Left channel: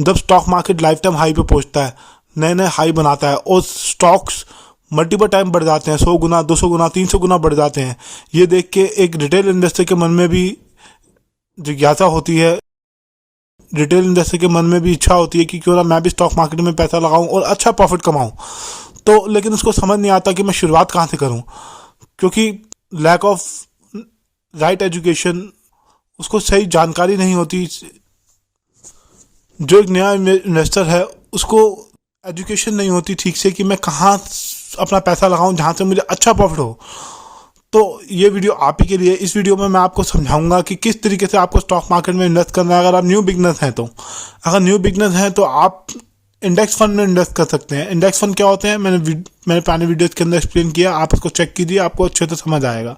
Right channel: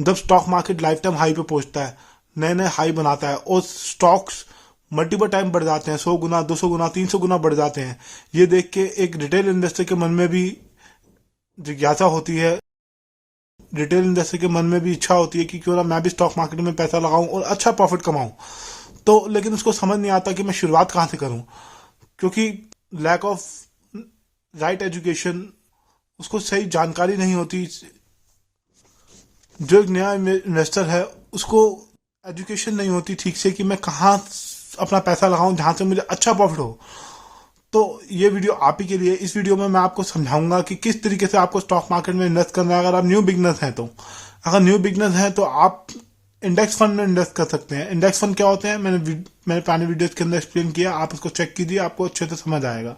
जब stock market life time high पे पहुंचता है, नए नए हाई बनाता है और स्टॉक्स मल्टीपल टाइम बढ़ जाते हैं, 100 गुना, 200 गुना, 300 गुना बढ़ जाते हैं, ये देख के एक रिटेल इन्वेस्टर के मन में भी जिज्ञासा होती है, रिटेल इन्वेस्टर के मन में भी इच्छा होती है कि क्यों ना मैं भी स्टॉक मार्केट में पैसा लगाऊं और अच्छा प्रॉफिट कमाऊं। तो लेकिन उसको समझ नहीं आता कि मैं शुरुआत कहाँ से करूं, क्योंकि लैक ऑफ राइट एजुकेशन, उसको सही जानकारी नहीं होती। जो एक नया इन्वेस्टर है उसको एजुकेशन नहीं होती ठीक से कि मैं कहाँ अपना पैसा लगाऊं जहाँ से मुझे अच्छा प्रॉफिट हो। तो ये वीडियो आप ही के लिए। इस वीडियो में मैं आपको समझाऊंगा कि किस तरीके से आपको स्टॉक मार्केट में इन्वेस्ट करना है। अगर आप न्यू बिगनर हैं तो आप इंडेक्स फंड में इन्वेस्ट कर सकते हैं। इंडेक्स फंड क्या होते हैं मैंने पुरानी वीडियोस के अंदर एक्सप्लेन किया, आप उसको चेक कीजिए, आपको अच्छे से समझ आएगा।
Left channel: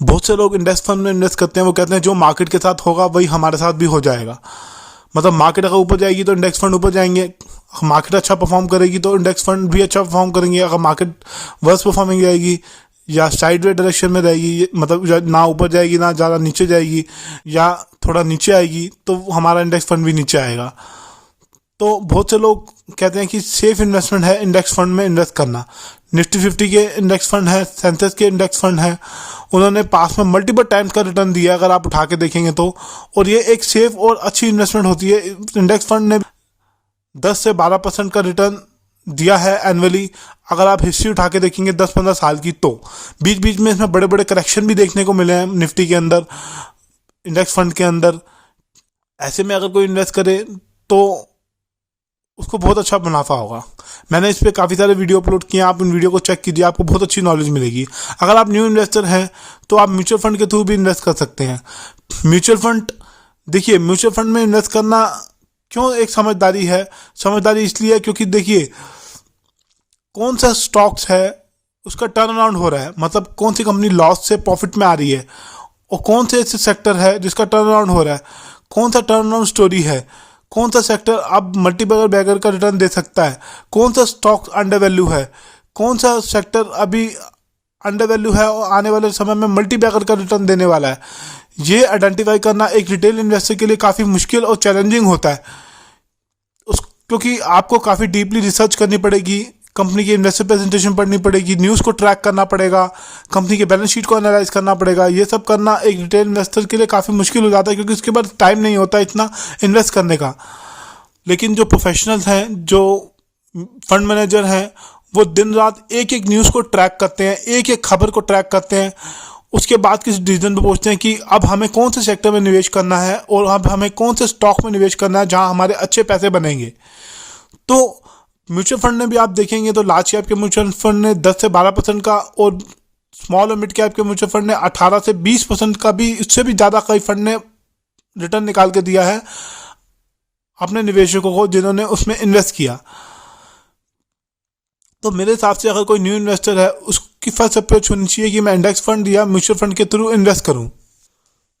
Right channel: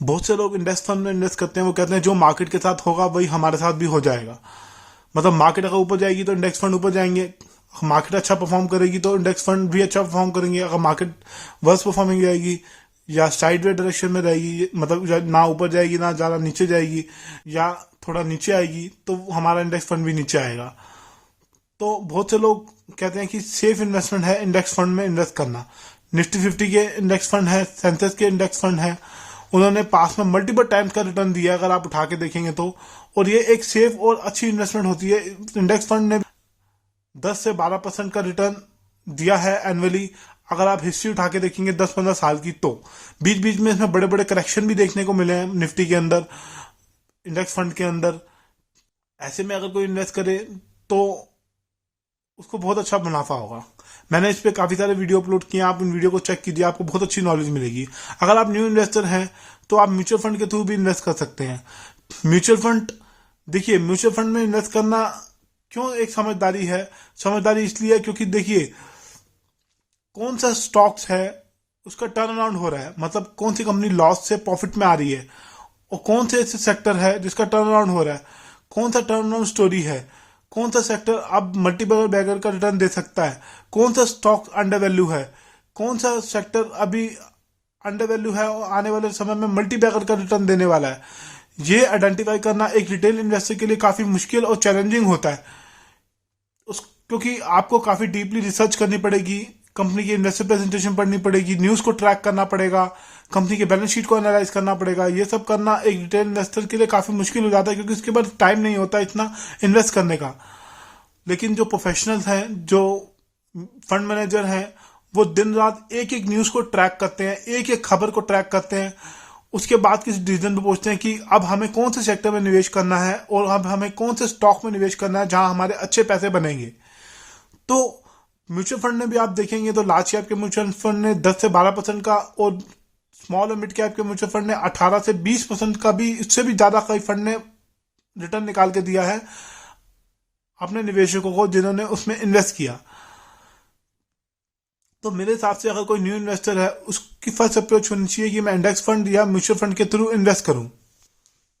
बहुत से लोग इंडेक्स फंड में इन्वेस्ट करते हैं, वो कहते हैं जो मार्केट के साथ होगा वही हमारे साथ भी हो जाएगा। मतलब मार्केट अगर ऊपर जाएगी तो इंडेक्स फंड ऊपर जाएंगे, मार्केट अच्छा परफॉर्म करेगी तो इंडेक्स फंड भी अच्छा परफॉर्म करेंगे। अगर मार्केट वर्स परफॉर्मिंग रहेगी या साइडवे डायरेक्शन में रहेगी, मतलब ना ऊपर जाएगी ना ज़्यादा नीचे जाएगी या थोड़ा नीचे आएगी, तो हमारा इंडेक्स फंड भी नीचे आएगा। तो बहुत से लोग कहते हैं कि सेफ इन्वेस्टमेंट है इंडेक्स फंड में इन्वेस्ट करना। निफ्टी 50 के इंडेक्स फंड है, सेंसेक्स के इंडेक्स फंड है, उन्होंने पास में मल्टीपल टाइम्स का रिटर्न दिया अगर आप उठा के देखेंगे तो। और ये एक सेफ और अच्छी इन्वेस्टमेंट होती है। इंडेक्स फंड ने 10 से 12% का रिटर्न दिया है एनुअली। अगर आप हिस्ट्री उठा के देखेंगे 10-15 साल की, तो बीच बीच में इसमें बड़े बड़े करेक्शन भी देखने को मिले हैं निफ्टी के अंदर, इंडेक्स फंड के अंदर। ऐसे में अगर कोई इन्वेस्ट करे तो उसको बहुत अच्छा मुनाफा होगा। मैंने इस पर काफ़ी सारे वीडियो अपलोड किए हैं, आप इन वीडियो को चेक कीजिए, आपको बहुत अच्छी नॉलेज मिलेगी। अगर आप न्यू इन्वेस्टर हैं तो आप म्यूचुअल फंड के थ्रू भी इन्वेस्ट कर सकते हैं। म्यूचुअल फंड, देखिए म्यूचुअल फंड में इन्वेस्ट करना क्यों एक समझदारी है। समझदारी इसलिए है क्योंकि देखिए कौन सा स्टॉक्स है उसका टर्न अराउंड हो रहा है, मतलब कौन सी कंपनी लॉस से प्रॉफिट में आ रही है, और कौन से ऐसे सेक्टर है जिसका टर्न अराउंड हो रहा है, कौन सा टर्न अराउंड स्टोरी है, कौन सा सेक्टर अब मल्टीपल बैगर का रिटर्न दे सकता है, कौन सा स्टॉक अंडर वैल्यू है, कौन सा सेक्टर अभी अंडर वैल्यू है और आने वाले समय में मल्टी बैगर का रिटर्न देने वाला है। ये आइडेंटिफाई करना एक रिटेल इन्वेस्टर के लिए काफ़ी मुश्किल और चैलेंजिंग होता है, क्योंकि आपको काफ़ी डीपली रिसर्च करनी पड़ेगी, कंपनी की इन्वेस्टर प्रेजेंटेशन पढ़नी पड़ेगी, न्यूज़ को ट्रैक करना पड़ेगा, कंपनी के बैलेंस शीट को एनालाइज करना पड़ेगा। ये सब करना एक रिटेल इन्वेस्टर के लिए काफ़ी मुश्किल हो जाता है, क्योंकि उसके पास टाइम नहीं होता इतना इन्वेस्ट करने का। लेकिन जो प्रोफेशनल्स हैं, जो फंड मैनेजर हैं, वो दिन रात एक एक न्यूज़ को ट्रैक करते हैं, एक एक खबर को ट्रैक करते हैं, उसके बाद किसी डिसीजन पे पहुंचते हैं कि अब हमें कौन से सेक्टर में निवेश करना है और अब हमें कौन से स्टॉक में निवेश करना है जहां हमारे अच्छे पैसे बनेंगे। तो म्यूचुअल फंड में भी आप देखेंगे तो लार्ज कैप के म्यूचुअल फंड ने 10 से 12% का, और स्मॉल और मिड कैप के म्यूचुअल फंड ने 18 से 20% का भी, इससे भी ज़्यादा कई फंड ने रिटर्न निकाल के दिया है अपने निवेशकों को जिन्होंने उसमें इन्वेस्ट किया। तो मेरे हिसाब से अगर कोई न्यू इन्वेस्टर है उसकी फर्स्ट अप्रोच होनी चाहिए कि मैं इंडेक्स फंड या म्यूचुअल फंड के थ्रू इन्वेस्ट करूं।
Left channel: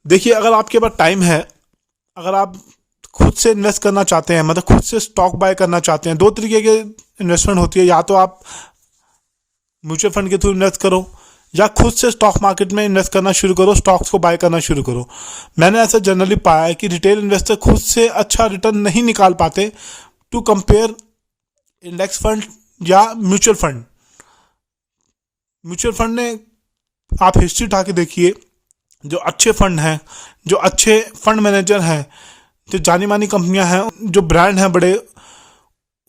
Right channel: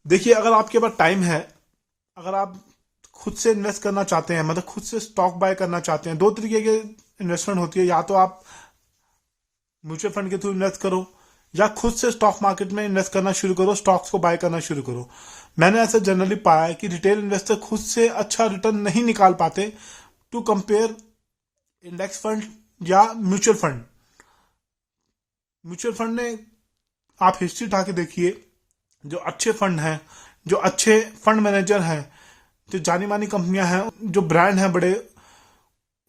देखिए अगर आपके पास टाइम है, अगर आप खुद से इन्वेस्ट करना चाहते हैं, मतलब खुद से स्टॉक बाय करना चाहते हैं, दो तरीके के इन्वेस्टमेंट होती है, या तो आप म्यूचुअल फंड के थ्रू इन्वेस्ट करो या खुद से स्टॉक मार्केट में इन्वेस्ट करना शुरू करो, स्टॉक्स को बाय करना शुरू करो। मैंने ऐसा जनरली पाया है कि रिटेल इन्वेस्टर खुद से अच्छा रिटर्न नहीं निकाल पाते टू कंपेयर इंडेक्स फंड या म्यूचुअल फंड। म्यूचुअल फंड ने, आप हिस्ट्री उठा के देखिए, जो अच्छे फंड हैं, जो अच्छे फंड मैनेजर हैं, जो जानी मानी कंपनियां हैं, जो ब्रांड हैं बड़े,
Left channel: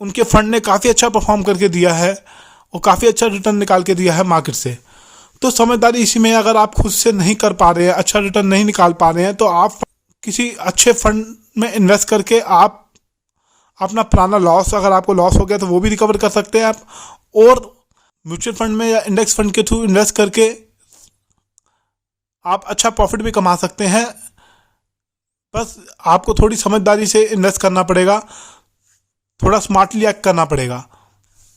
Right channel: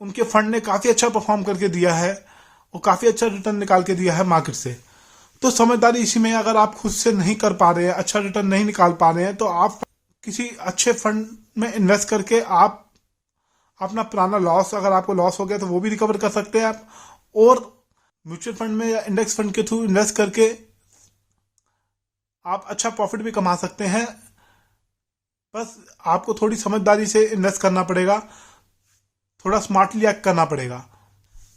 उनके फंड ने काफ़ी अच्छा परफॉर्म करके दिया है और काफ़ी अच्छा रिटर्न निकाल के दिया है मार्केट से। तो समझदारी इसी में, अगर आप खुद से नहीं कर पा रहे हैं, अच्छा रिटर्न नहीं निकाल पा रहे हैं, तो आप किसी अच्छे फंड में इन्वेस्ट करके आप अपना पुराना लॉस, अगर आपको लॉस हो गया तो वो भी रिकवर कर सकते हैं आप, और म्यूचुअल फंड में या इंडेक्स फंड के थ्रू इन्वेस्ट करके आप अच्छा प्रॉफिट भी कमा सकते हैं। बस आपको थोड़ी समझदारी से इन्वेस्ट करना पड़ेगा, थोड़ा स्मार्टली एक्ट करना पड़ेगा।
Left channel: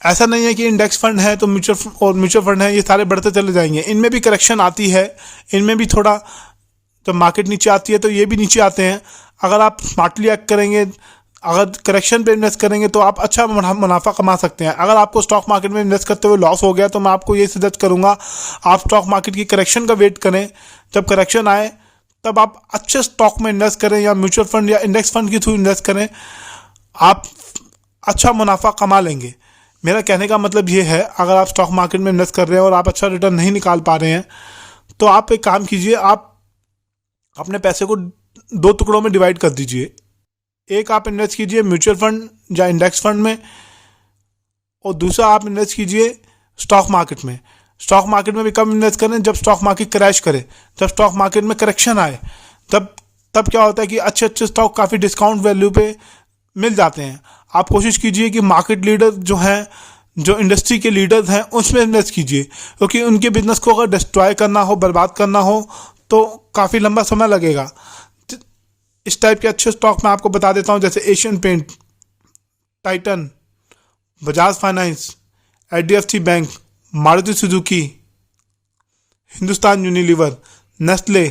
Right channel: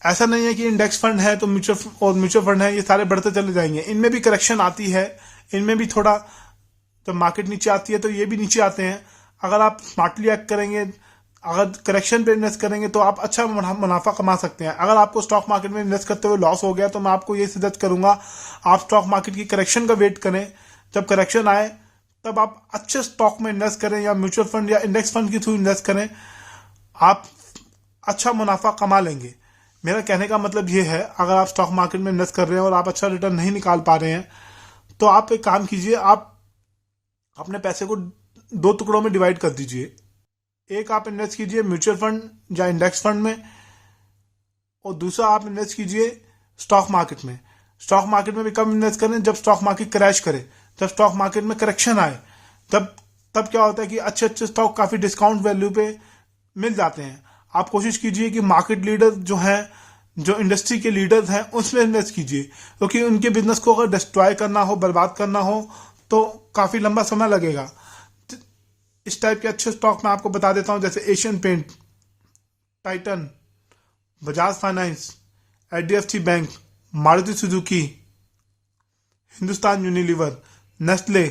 ऐसा नहीं है कि इंडेक्स फंड है तो म्यूचुअल फंड है ये सारे बढ़ते चले जाएंगे, इनमें भी करेक्शन आती है, इनमें भी थोड़ा, जब मार्केट नीचे आती है तो ये भी नीचे आते हैं। अगर आप स्मार्टली एक्ट करेंगे, अगर करेक्शन पे इन्वेस्ट करेंगे तो आप अच्छा मुनाफा कमा सकते हैं। अगर आपको स्टॉक मार्केट में इन्वेस्ट करते हुए लॉस हो गया तो मैं आपको ये सजेस्ट करूंगा आप स्टॉक मार्केट की करेक्शन का वेट करें, जब करेक्शन आए तब आप अच्छे स्टॉक में इन्वेस्ट करें या म्यूचुअल फंड या इंडेक्स फंड के थ्रू इन्वेस्ट करें। आप अच्छा मुनाफा कमा लेंगे। मेरा कहने का मतलब ये है, अगर आप स्टॉक मार्केट में इन्वेस्ट कर रहे हैं और आप अच्छा रिटर्न नहीं निकाल पा रहे हैं, तो आप एक काम कीजिए, आप अपने पैसे को 2 टुकड़ों में डिवाइड कर दीजिए। एक आप इन्वेस्ट कीजिए म्यूचुअल फंड या इंडेक्स फंड में, और दूसरा आप इन्वेस्ट कीजिए स्टॉक मार्केट में। स्टॉक मार्केट में भी कब इन्वेस्ट करें? जब स्टॉक मार्केट क्रैश करे, जब स्टॉक मार्केट में करेक्शन आए, तब क्या होता है कि अच्छे अच्छे स्टॉक काफ़ी डिस्काउंट वैल्यू पे मिल जाते हैं। आप कोशिश कीजिए कि मार्केट लीडर जो हैं, जो इंडस्ट्री के लीडर्स हैं, उसमें इन्वेस्ट कीजिए, क्योंकि उनके बिजनेस को अगर डिस्ट्रॉय करना हो, बर्बाद करना हो, तो काफ़ी लंबा समय लगेगा। इस टाइप के अच्छे स्टॉक मैं आपको बता देता हूँ, जैसे Asian paint, Titan, Bajaj finance, HDFC bank, Maruti Suzuki, Hindustan Unilever, Nestle,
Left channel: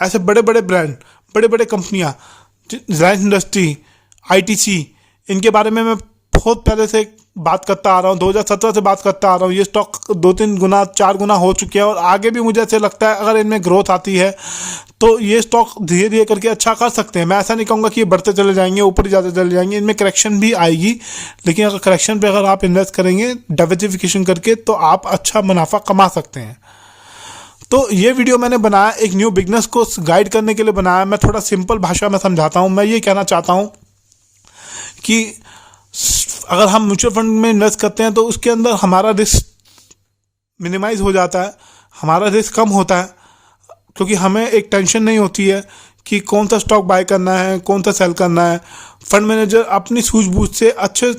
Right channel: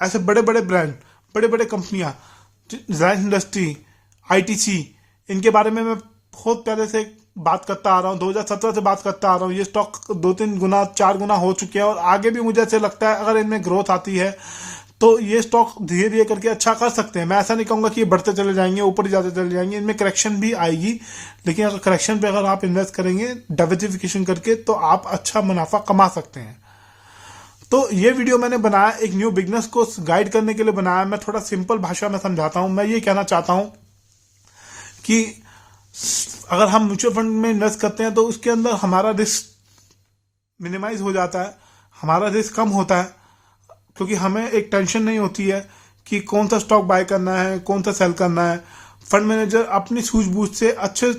ऐसे बड़े बड़े ब्रांड, बड़े बड़े कंपनियां, रिलायंस इंडस्ट्री, ITC, इनके बारे में मैं बहुत पहले से बात करता आ रहा हूँ, 2017 से बात करता आ रहा हूँ। ये स्टॉक 2-3 गुना 4 गुना हो चुके हैं, और आगे भी मुझे ऐसे लगता है अगर इनमें ग्रोथ आती है तो ये स्टॉक धीरे धीरे करके अच्छा कर सकते हैं। मैं ऐसा नहीं कहूँगा कि ये बढ़ते चले जाएंगे, ऊपर ही जाते चले जाएंगे, इनमें करेक्शन भी आएगी, लेकिन अगर करेक्शन पे अगर आप इन्वेस्ट करेंगे डाइवर्सिफिकेशन करके, तो आप अच्छा मुनाफा कमा सकते हैं। तो ये वीडियो मैंने बनाया एक न्यू बिगनर्स को गाइड करने के लिए बनाया। मैं थोड़ा सिंपल भाषा में समझाता हूँ। मैं ये कहना चाहता हूँ कि अगर हम म्यूचुअल फंड में इन्वेस्ट करते हैं तो उसके अंदर हमारा रिस्क मिनिमाइज हो जाता है, हमारा रिस्क कम होता है, क्योंकि हमें एक टेंशन नहीं होती है कि कौन सा स्टॉक बाय करना है, कौन सा सेल करना है। फंड मैनेजर अपनी सूझबूझ से अच्छे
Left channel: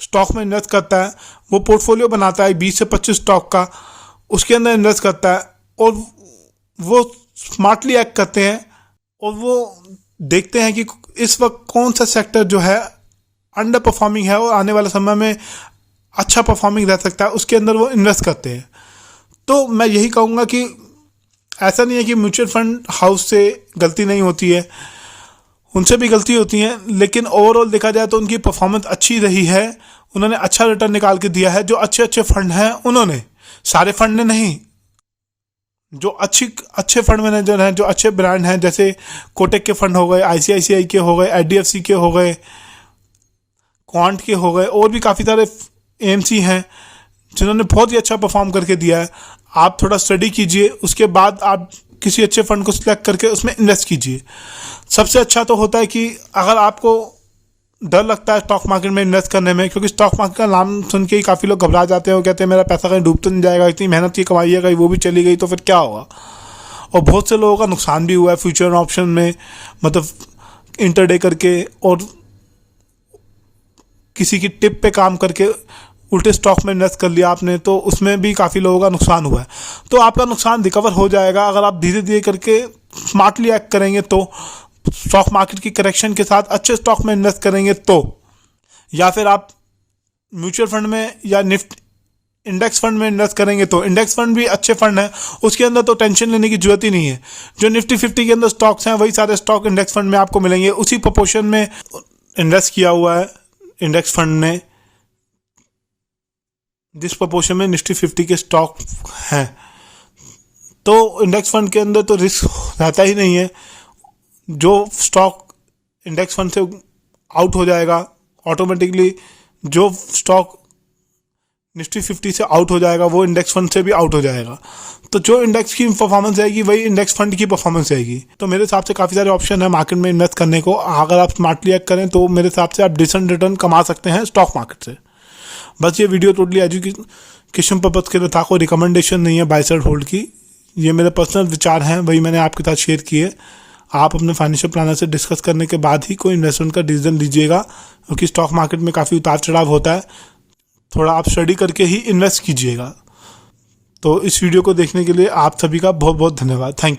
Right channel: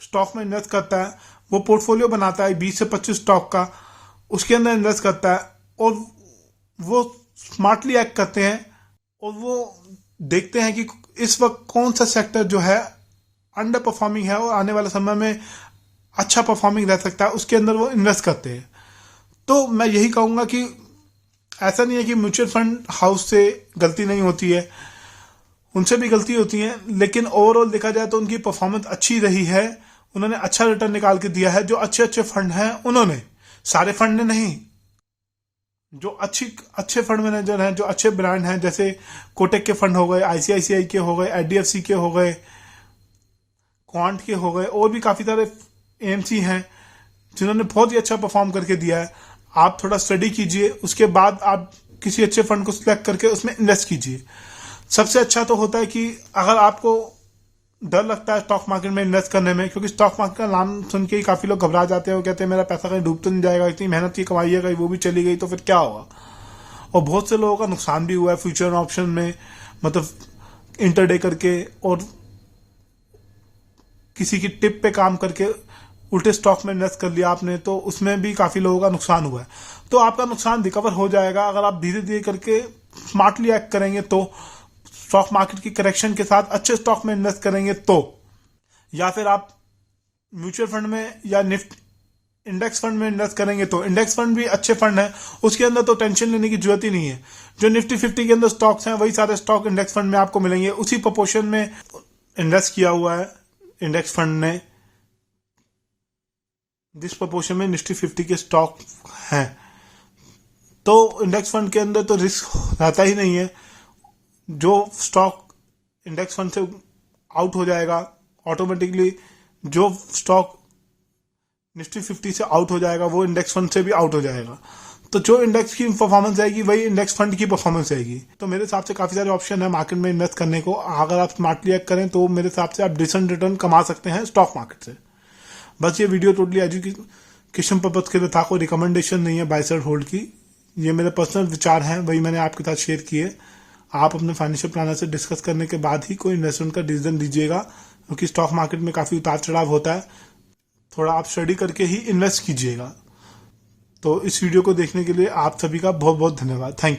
स्टॉक में इन्वेस्ट करता है, वो पोर्टफोलियो बनाता है 20 से 25 स्टॉक का, उसके अंदर इन्वेस्ट करता है, और वो स्मार्टली एक्ट करते हैं, और वो देखते हैं कि इस वक्त कौन सा सेक्टर जो है अंडर परफॉर्मिंग है और आने वाले समय में अच्छा परफॉर्मिंग रह सकता है, उसके अंदर वो इन्वेस्ट करते हैं। तो मैं यही कहूँगा कि ऐसा नहीं है कि म्यूचुअल फंड हाउस से गलती नहीं होती है, उनसे भी गलती होती है, लेकिन ओवरऑल देखा जाए तो उनकी परफॉर्मेंस अच्छी रही है, उन्होंने अच्छा रिटर्न निकाल के दिया है। जो अच्छे अच्छे फंड हैं उन्होंने, सारे फंड ने नहीं, जो अच्छे फंड मैनेजर हैं, जो अच्छे ब्रांड हैं, जैसे कोटक के फंड हो गए, ICICI के हो गए, HDFC के हो गए, क्वांट के हो गए, और भी काफ़ी सारे AMC हैं जिन्होंने बहुत ही अच्छा परफॉर्म करके दिया है। आप थोड़ा स्टडी कीजिए, उसके बाद आप किसी अच्छे फंड को सिलेक्ट करके उसमें इन्वेस्ट कीजिए। सबसे अच्छा तो होता है कि अगर आपको डर लगता है स्टॉक मार्केट में इन्वेस्ट करने में, क्योंकि स्टॉक मार्केट का नाम सुन के ही काफ़ी लोग घबरा जाते हैं, वो कहते हैं मेरा पैसा कहीं डूब तो नहीं जाएगा, इतनी मेहनत की कमाई है, कहीं वो भी चली गई तो फिर क्या होगा। और बहुत से लोगों का नुकसान भी हुआ है फ्यूचर ऑप्शन में, मतलब इंटरडे करके और किसी की टिप पे काम करके उल्टे स्टॉक में इन्वेस्ट कर लिया आपने, तो उसमें भी काफ़ी लोगों का नुकसान हुआ है। तो आपका नुकसान रिकवर हो जाएगा अगर आप धीरे धीरे करके स्मार्टली एक्ट करेंगे, तो स्टॉक मार्केट की करेक्शन के साथ अच्छे स्टॉक में इन्वेस्ट करेंगे तो, या फिर आप म्यूचुअल फंड में या इंडेक्स फंड में इन्वेस्ट करेंगे तो। इंडेक्स फंड भी अच्छे फंड है, उसके अंदर तो टेंशन लेने की जरूरत ही नहीं है। जो निफ्टी 50 के अंदर स्टॉक्स हैं वही सारे स्टॉक इंडेक्स फंड में आपको मिलेंगे, उसी प्रोपोर्शन में इन्वेस्ट किया हुआ है इंडेक्स फंड ने, जिस प्रोपोर्शन में निफ्टी 50 के स्टॉक हैं। तो इंडेक्स फंड के अंदर तो रिस्क रहता ही नहीं है। जो स्टॉक इंडेक्स फंड से आउट हो जाएगा ऑटोमेटिकली, जो स्टॉक निफ्टी 50 से आउट हो जाएगा वो इंडेक्स फंड से भी आउट हो जाएगा। तो जो इंडेक्स की परफॉर्मेंस आएगी वही इंडेक्स फंड की परफॉर्मेंस आएगी। तो मेरे हिसाब से काफ़ी सारे ऑप्शन है मार्केट में इन्वेस्ट करने को। अगर आप स्मार्टली एक्ट करें तो मेरे हिसाब से आप डिसेंट रिटर्न कमा सकते हैं स्टॉक मार्केट से। बस ये वीडियो टोटली एजुकेशन पर्पज़ के लिए था, कोई रिकमेंडेशन नहीं है बाय सेल होल्ड की। ये मेरे पर्सनल विचार हैं, वही मैंने आपके साथ शेयर किए। आप अपने फाइनेंशियल प्लानर से डिस्कस करने के बाद ही कोई इन्वेस्टमेंट का डिसीजन लीजिएगा, क्योंकि स्टॉक मार्केट में काफ़ी उतार चढ़ाव होता है। थोड़ा आप स्टडी करके ही इन्वेस्ट कीजिएगा। तो इस वीडियो को देखने के लिए आप सभी का बहुत बहुत धन्यवाद। Thank you.